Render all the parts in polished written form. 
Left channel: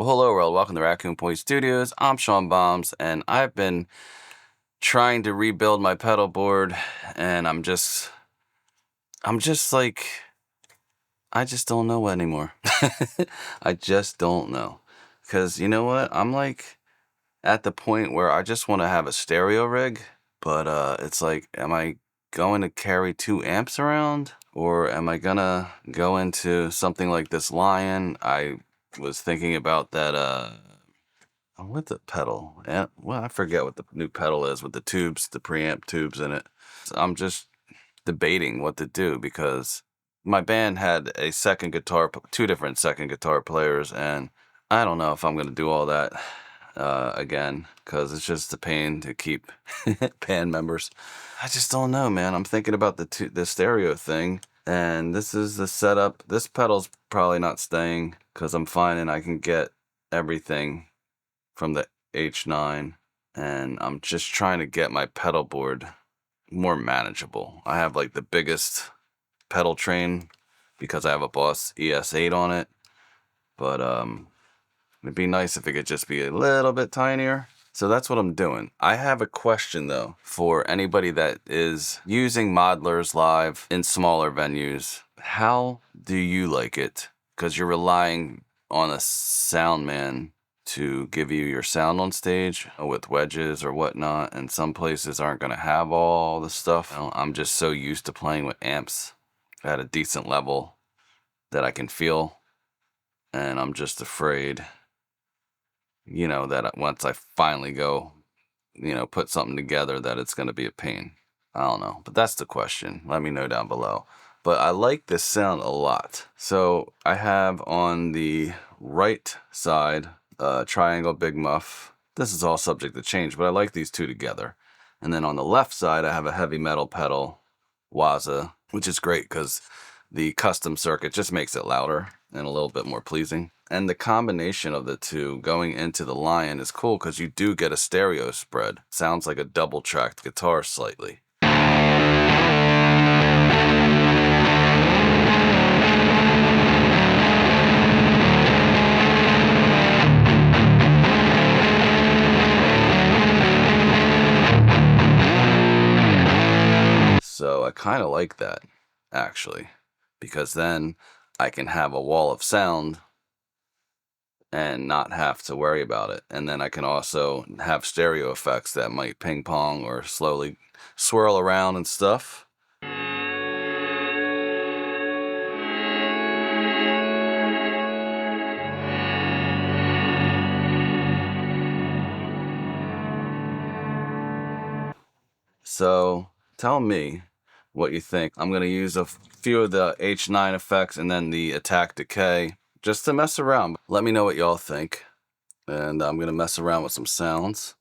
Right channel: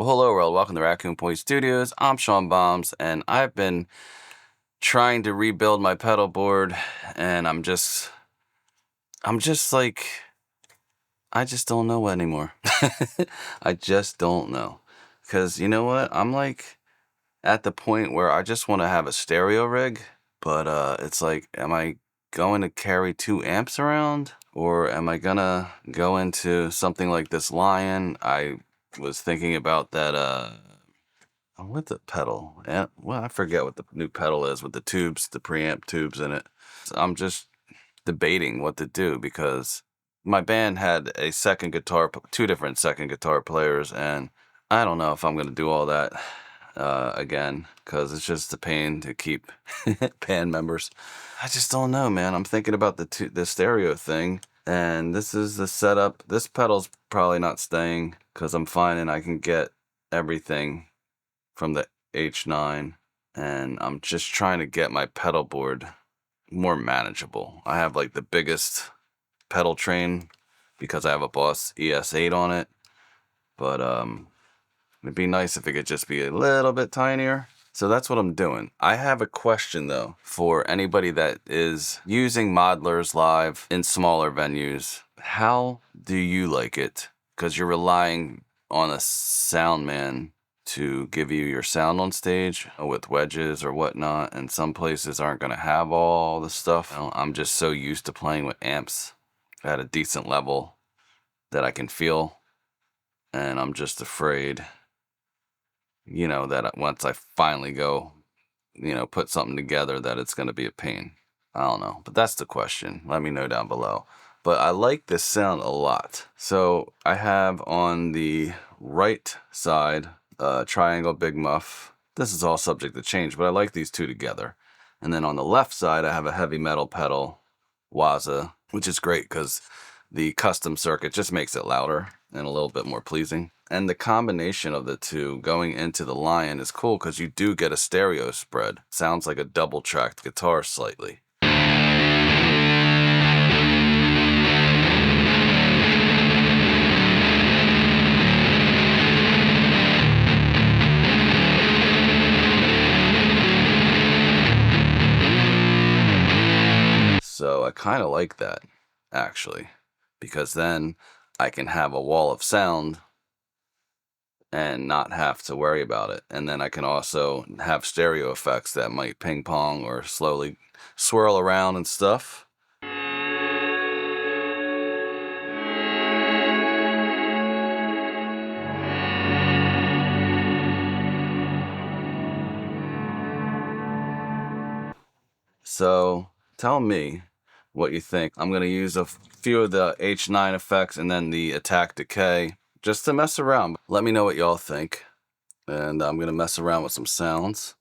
Well, hello world, welcome to Raccoon Point Studios. I'm Sean Bombs, and I've been trying to rebuild my pedal board, and I'm just like, I just don't know anymore. I just don't know. Because you know what? I'm like at the point where I just want to have a stereo rig, but it's like, am I going to carry 2 amps around? Or am I gonna go into something like this Lion? I was thinking about that, what the pedal? Well, I forget what the new pedal is with the tubes, the preamp tubes in it. So I'm just debating what to do because my band had a second guitar, 2 different second guitar players, and I don't know if I'm gonna do all that again because it's just a pain to keep band members. I just don't know, man. I'm thinking about the stereo thing, and this is the setup. This pedal's probably not staying because I'm finding I can get everything from the H9, and I'm just trying to get my pedal board more manageable. I have like the biggest pedal train because I have a Boss ES8 on it, but it'd be nice if it could just be a little bit tinier. So that's what I'm doing. I have a question though for anybody that is using modelers live in smaller venues. How do you like it? Because you're relying on a sound man to give you your sound on stage with wedges or whatnot, and some places aren't going to have all the stuff. I'm just so used to playing with amps at a decent level that I can feel, and I'm just afraid, you know, that once I finally go, you know, put something together, that it's going to be a pain. I don't know, but that's the question. Let me know down below. But I like this sound a lot. So I have on the right side triangle big muff. This is all subject to change, but I like these 2 together. And then on the left side, I have a heavy metal pedal, Waza, which is great because the custom circuit just makes it louder and a little bit more pleasing. And the combination of the 2 going into the Lion is cool because you do get a stereo spread. Sounds like a double-tracked guitar slightly. So I kind of like that, actually, because then I can have a wall of sound and not have to worry about it. And then I can also have stereo effects that might ping pong or slowly swirl around and stuff. So tell me what you think. I'm going to use a few of the H9 effects and then the attack decay just to mess around. Let me know what y'all think. And I'm going to mess around with some sounds.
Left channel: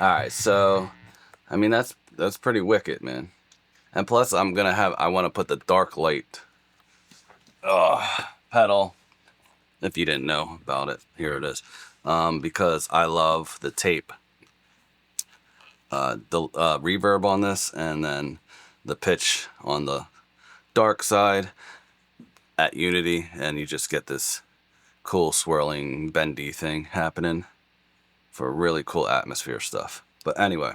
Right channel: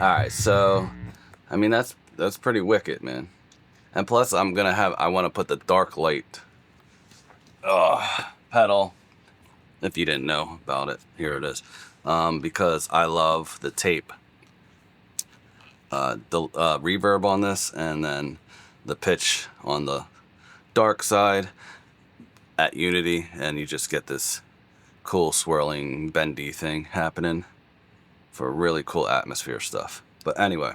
Alright, so I mean that's pretty wicked, man. And plus I want to put the dark light pedal, if you didn't know about it, here it is, because I love the tape, the reverb on this, and then the pitch on the dark side at unity, and you just get this cool swirling bendy thing happening for really cool atmosphere stuff. But anyway,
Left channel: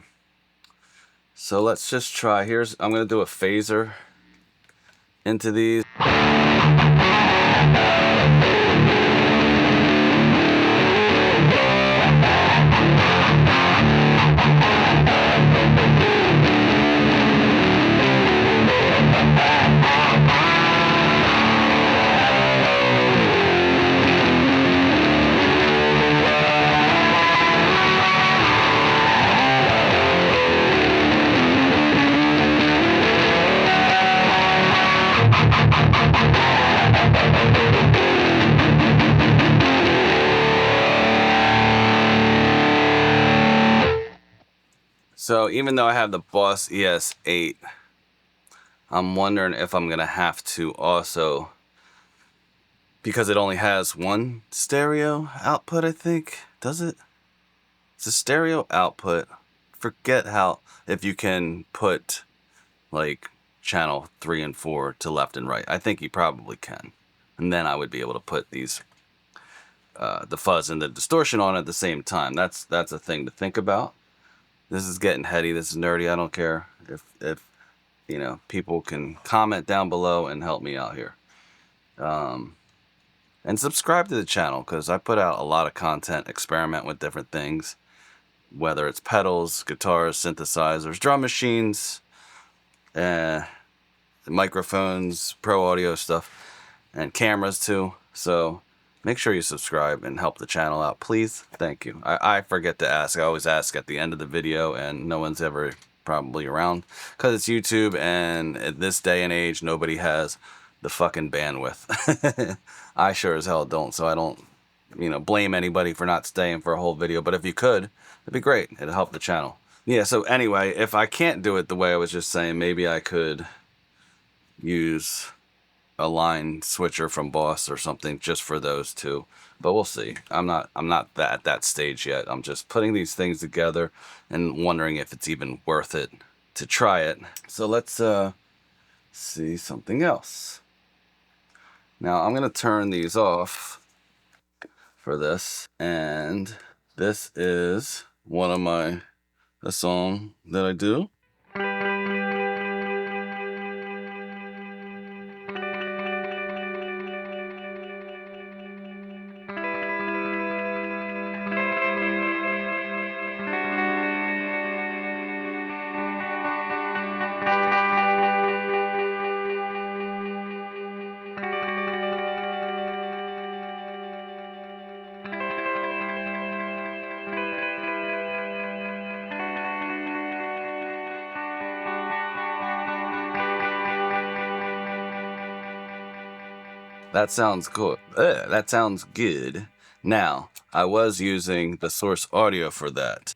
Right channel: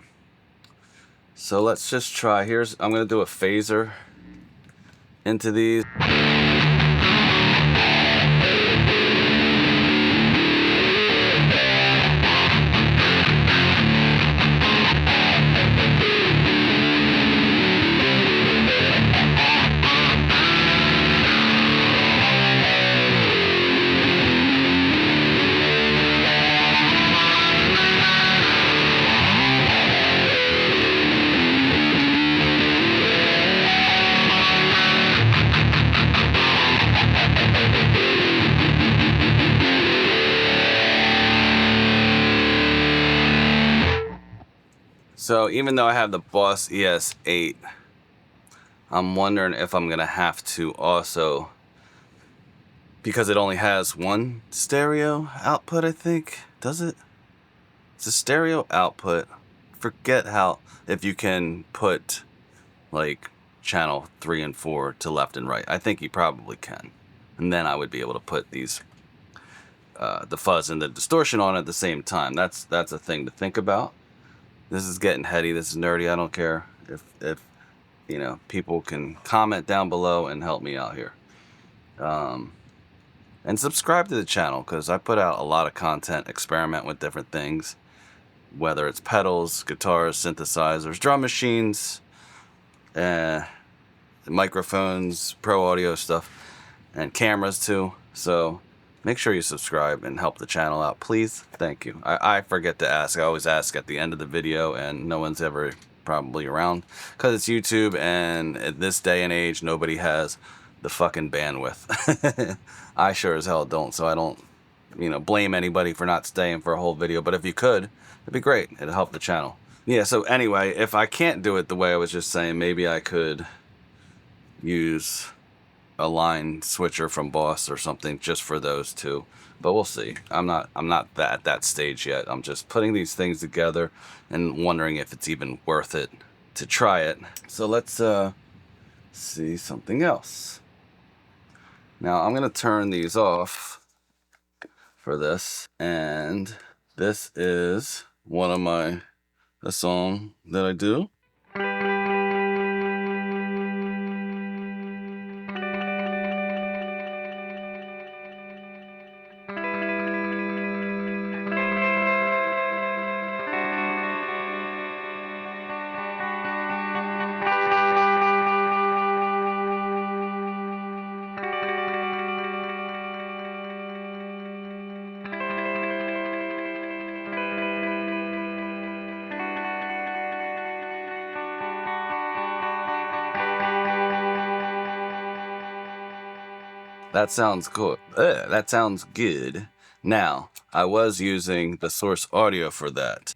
so let's just try. I'm gonna do a phaser into these. So even though I have the Boss ES8, I'm wondering if I'm gonna have to also, because it only has one stereo output, I think. Does it? It's a stereo output. Forget how, if you can put like channel 3 and 4 to left and right. I think you probably can. And then I would be able to put these, the fuzz and the distortion on at the same time. That's a thing to think about. This is getting heady. This is nerdy. I don't care if you know, people can comment down below and help me out here. And subscribe to the channel, because I put out a lot of content, experiment with different things, whether it's pedals, guitars, synthesizers, drum machines, microphones, pro audio stuff, and cameras too. So make sure you subscribe and help the channel out, please. Thank you. I forget to ask. I always ask at the end of the video, and no one's ever probably around, because it's YouTube, and at this day and age, nobody has the fucking bandwidth. I sure as hell don't, so I don't, you know, blame anybody for not staying for a whole video. But if you could, it'd be great. It'd help the channel. Yeah, so anyway, if I can't do it the way I was just saying, maybe I could use a line switcher from Boss or something just for those two, but we'll see. I'm not at that stage yet. I'm just putting these things together and wondering if it's even worth it to try it. So let's see something else. Now I'm gonna turn these off for this, and this is one of a song that I do. That sounds cool. That sounds good. Now, I was using the source audio for that.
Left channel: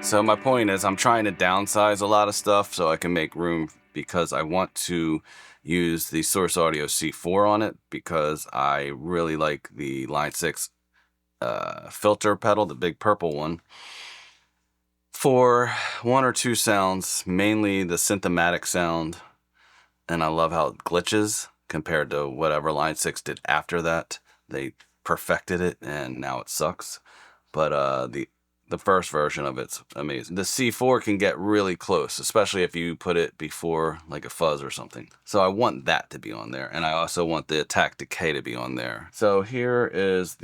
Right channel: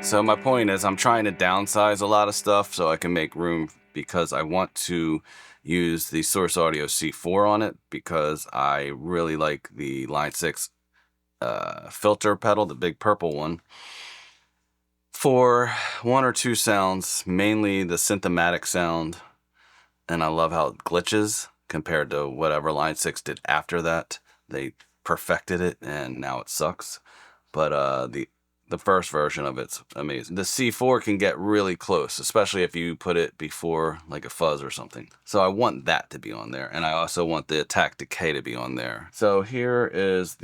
So my point is, I'm trying to downsize a lot of stuff so I can make room, because I want to use the Source Audio C4 on it, because I really like the Line 6 filter pedal, the big purple one, for one or two sounds, mainly the Synthematic sound, and I love how it glitches compared to whatever Line 6 did after that. They perfected it, and now it sucks. But the first version of it's amazing. The C4 can get really close, especially if you put it before like a fuzz or something. So I want that to be on there, and I also want the attack decay to be on there. So here is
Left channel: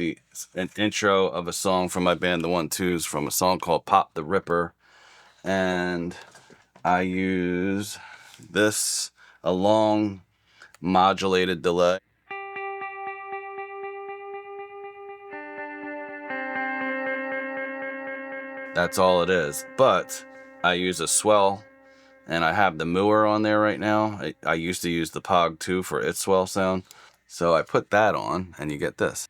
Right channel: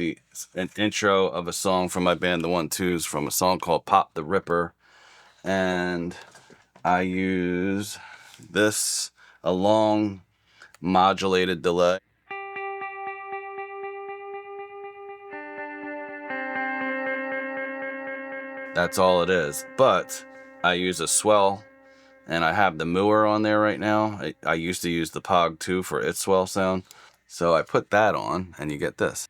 an intro of a song from my band, the 1-2s, from a song called Pop the Ripper. And I use this, a long modulated delay. That's all it is. But I use a swell, and I have the Mooer on there right now. I used to use the Pog 2 for its swell sound. So I put that on, and you get this.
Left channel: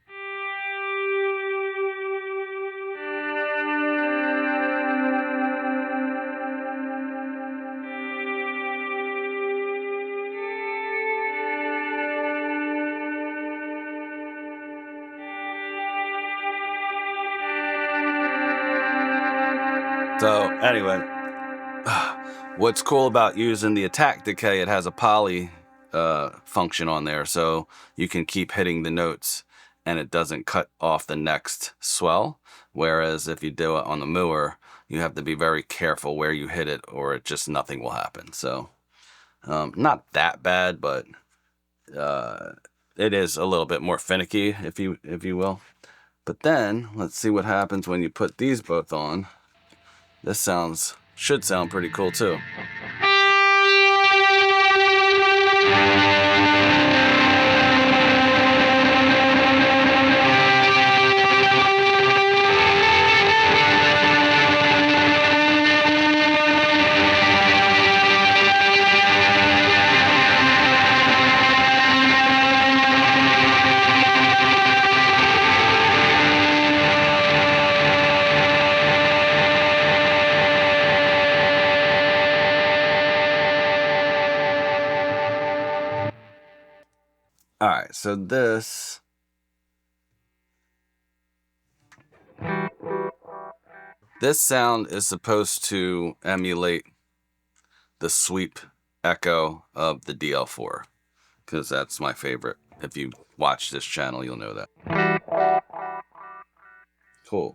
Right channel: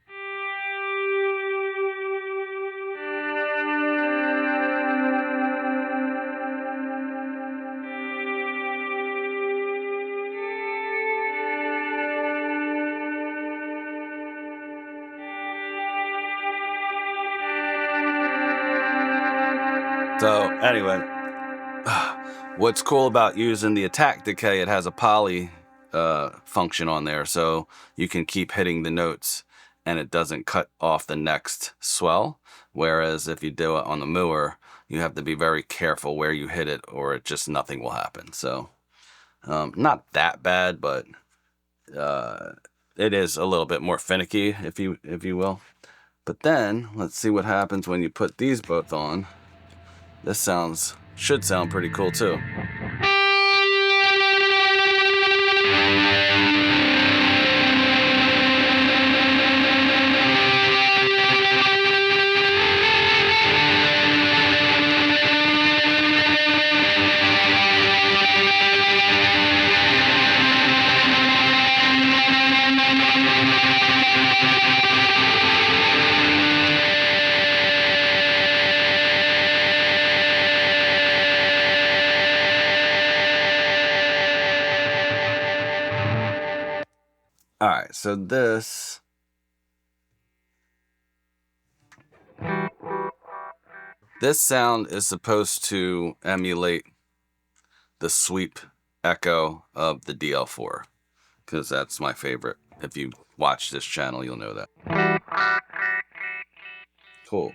So anyway, what's cool about using the attack decay, it has a poly function on there, so you can keep hitting the notes and it doesn't cut off the next swell. Whereas if you do it on the Mooer, you have to be very careful where you hit it, or it just nothing will happen. So not that bad, but it is a little bit more finicky, if you will. But then let's see what happens when you put these both on. This should sound pretty cool too. All right, so this sound is supposed to emulate the sweep echo of the DL4, because that's my favorite. If you watch this channel, you'll know that. Cool.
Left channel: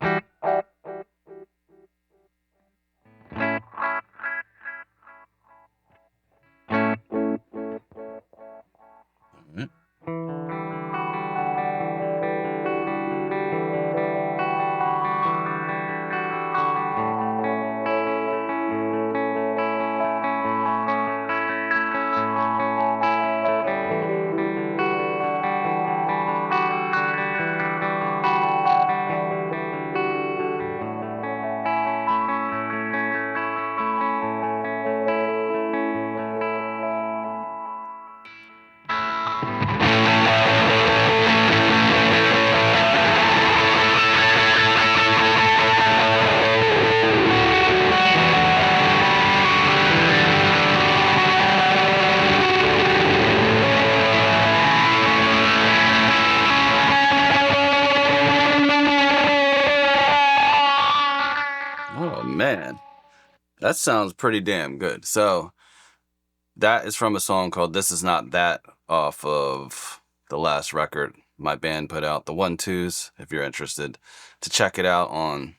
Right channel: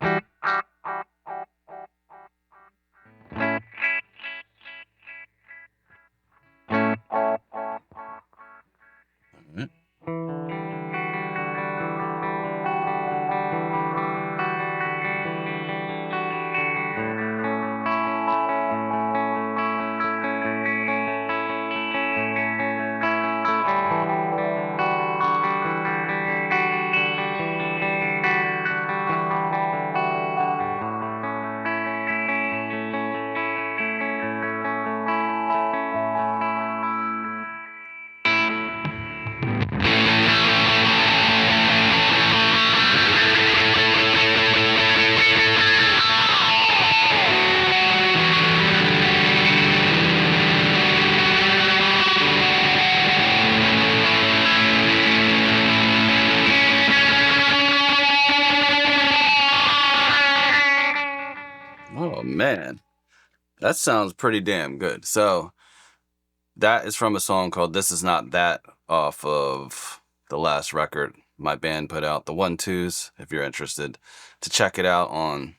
All right. Oh man, that sounds pretty damn good. So that is from a song called This Is Not That, off of the last record my band put out, the 1-2s, if you're interested to check it out on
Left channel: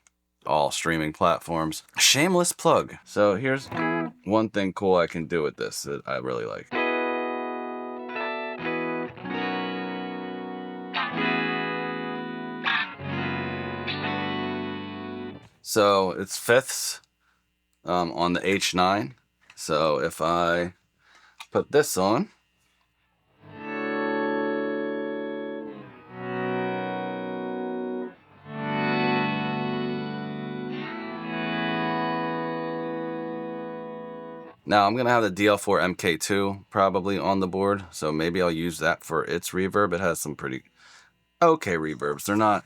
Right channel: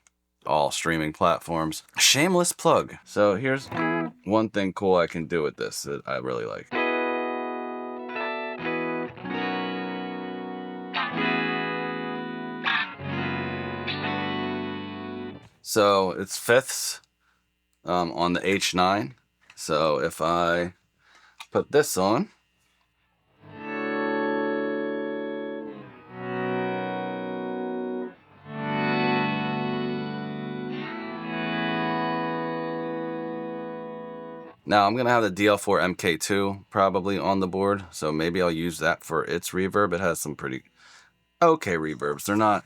all streaming platforms. Shameless plug. So here's one thing cool I can do with this that I really like. So it's fifths on the H9. So if I put this on, now I'm gonna have the DL4 MK2 probably on the board, so maybe I'll use that for its reverb. It has some pretty okay reverbs. They're not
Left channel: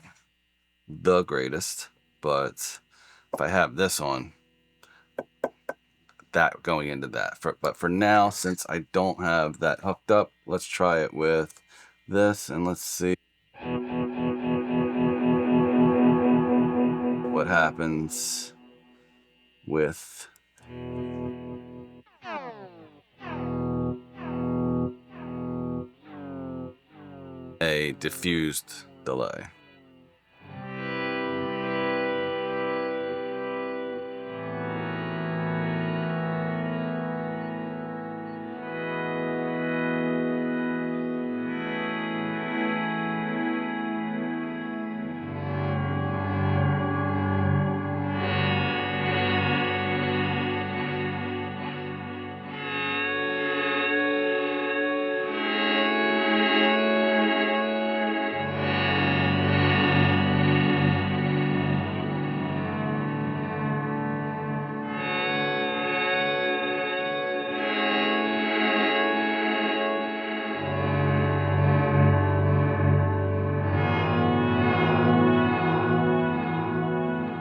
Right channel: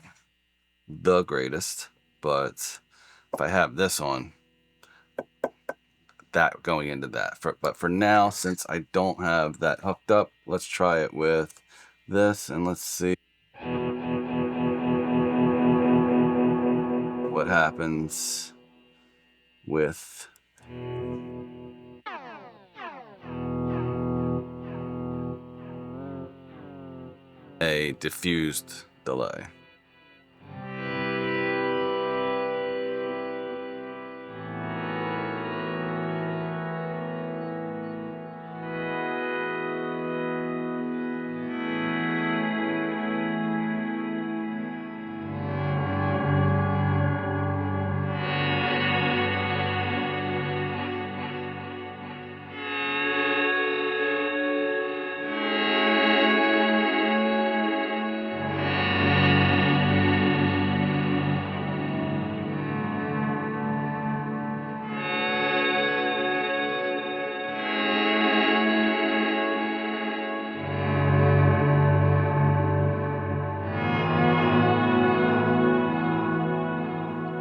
the greatest, but if I have this on, that going into that. But for now, since I don't have that hooked up, let's try it with this and let's see what happens with a diffused delay.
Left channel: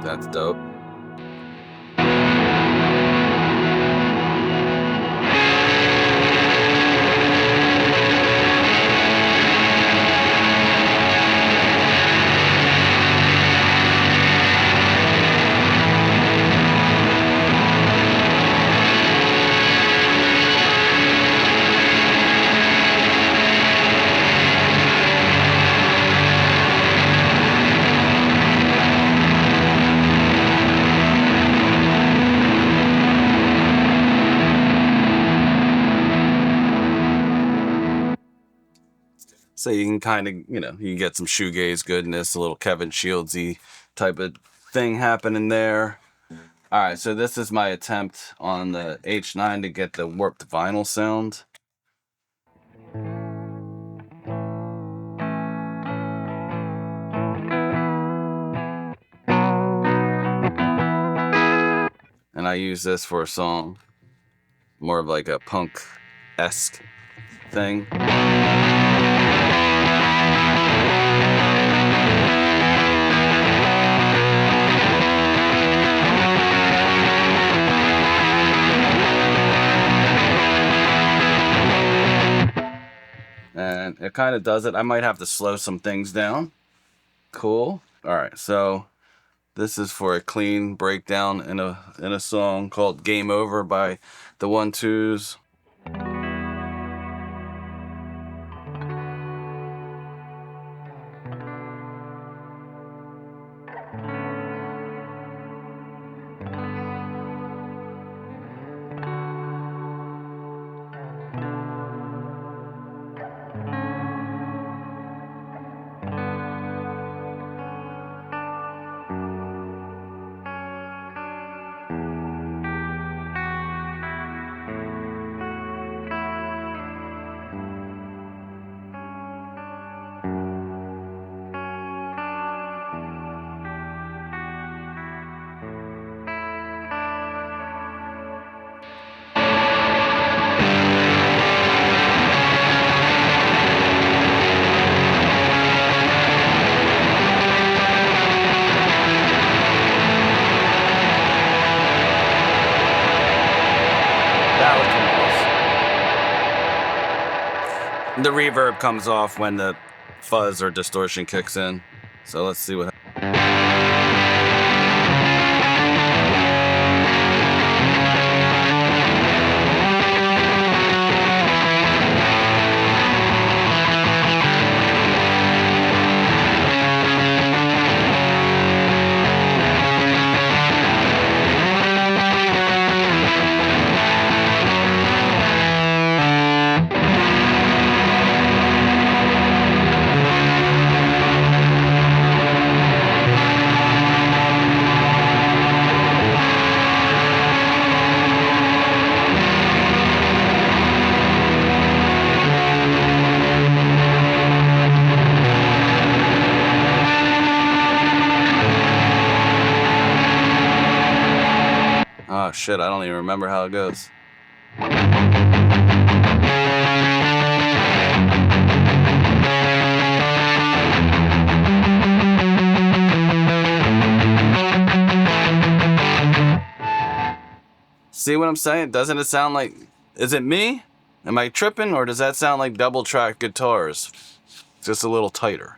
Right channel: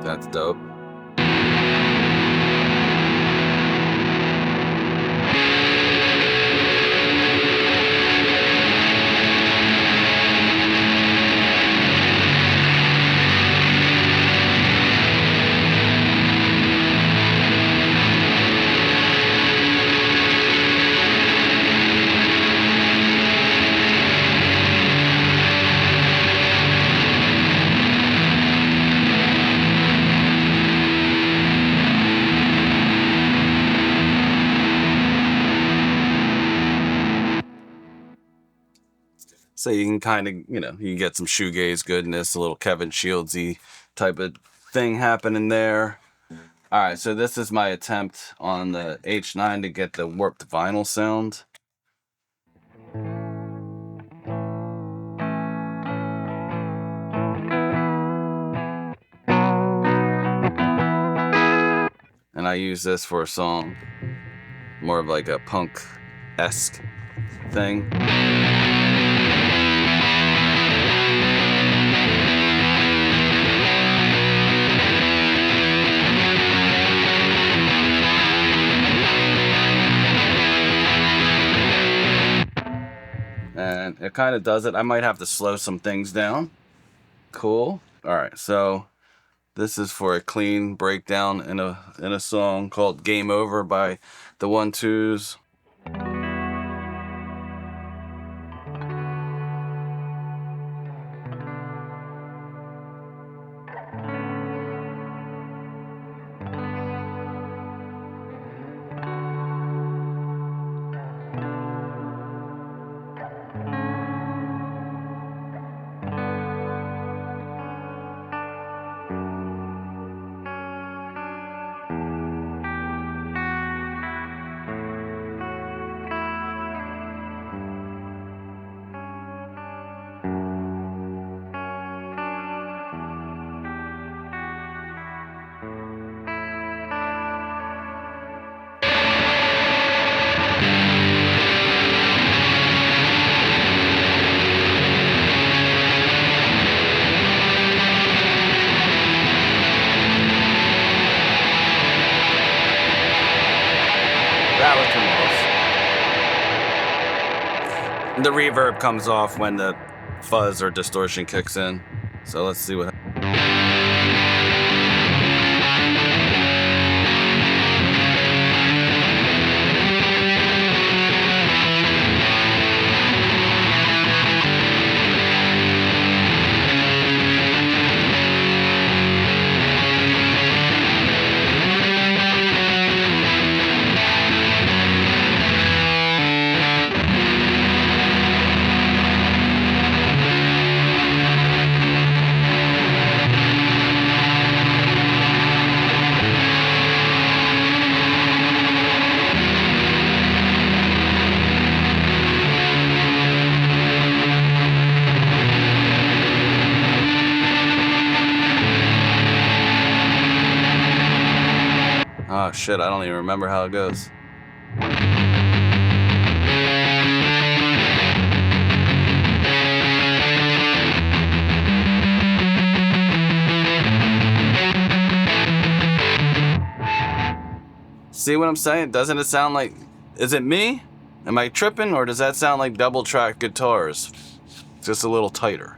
That's dope. So you can kind of, you can get some shoegaze goodness, a little Kevin Shieldsy type of thing happening there. All right, so this is my attempt on the H9 to get the warped vinyl sound. And I use this for a song, more of like a punk-esque thing. And it kind of does it. I might have to slow some things down. Cool. All right, so this is for a clean breakdown in a song called Game Over by the 1-2s. That would come off. The reverb comes off when the fuzz or distortion kicks in. So let's see what happens. Oh shit, I don't even remember how it goes. See what I'm saying? Doesn't it sound like... Is it me? Am I tripping? Or does that sound like double track guitars? Just a little tighter.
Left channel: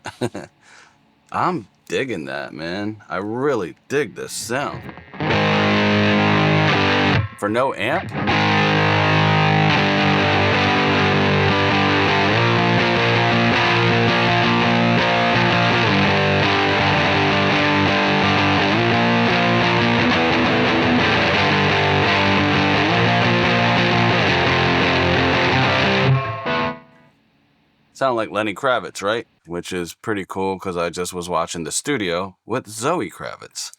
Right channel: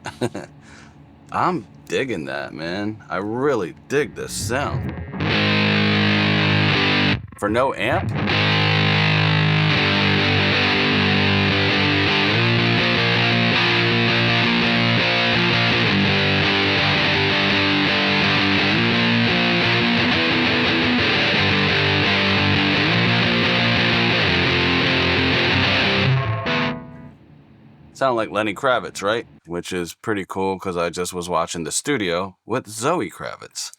I'm digging that, man. I really dig this sound. For no amp? Sound like Lenny Kravitz, right? Which is pretty cool because I just was watching The Studio with Zoe Kravitz.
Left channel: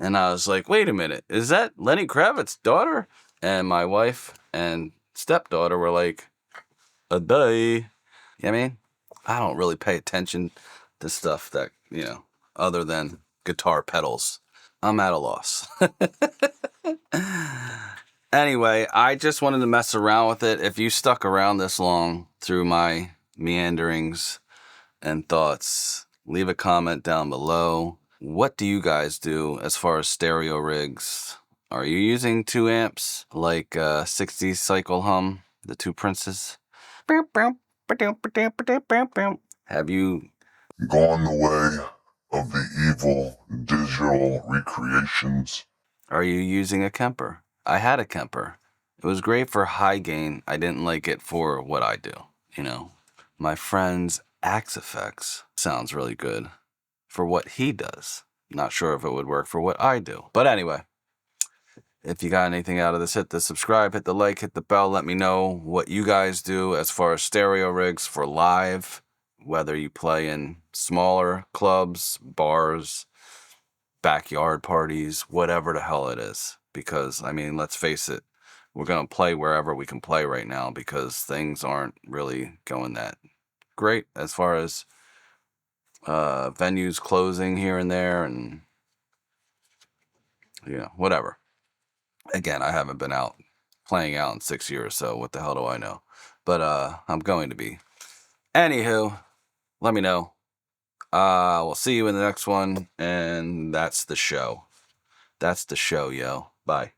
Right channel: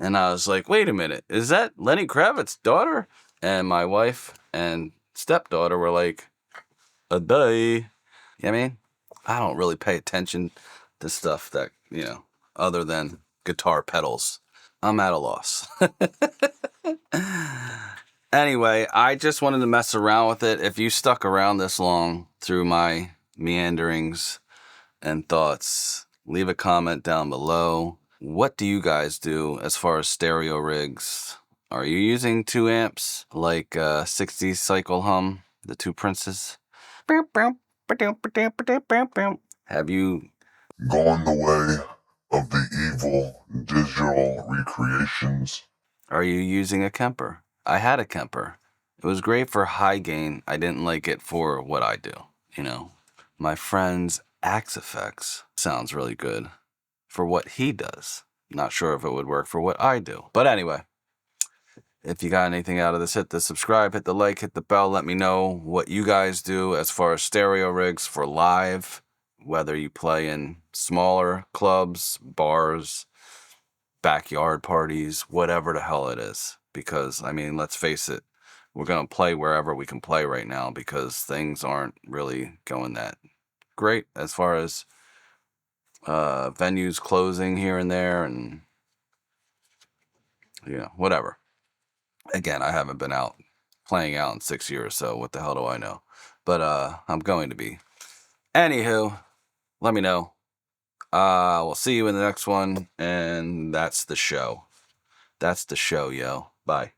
And I was like, wait a minute, is that Lenny Kravitz's daughter? And my wife and stepdaughter were like, a day. You know what I mean? I don't really pay attention to stuff that, you know, other than guitar pedals. I'm at a loss. Anyway, I just wanted to mess around with it. If you stuck around this long through my meanderings and thoughts, leave a comment down below. What do you guys do as far as stereo rigs? Are you using 2 amps like 60s Cycle Hum, the 2 Princes? Have you gone the way of the evil digital recreations? Are you using a Kemper? I had a Kemper. It was great for high gain. I didn't like it for what I do, you know. My friend's Axe Effects sounds really good for what he does. Not sure if it would work for what I do. But anyway, if you got anything out of this, hit the subscribe, hit the like, hit the bell. Let me know what you guys do as far as stereo rigs for live, whether you play in smaller clubs, bars, backyard parties, whatever the hell it is. Because, I mean, let's face it, we're going to play wherever we can play right now because things aren't really going that great as far as venues closing here and there and, whatever. Again, I haven't been out playing out in 6 years, so what the hell do I know? But I'm going to be. Anywho, let me know. We'll see you in the next one, and that's the show. That's the show, yo. Bye.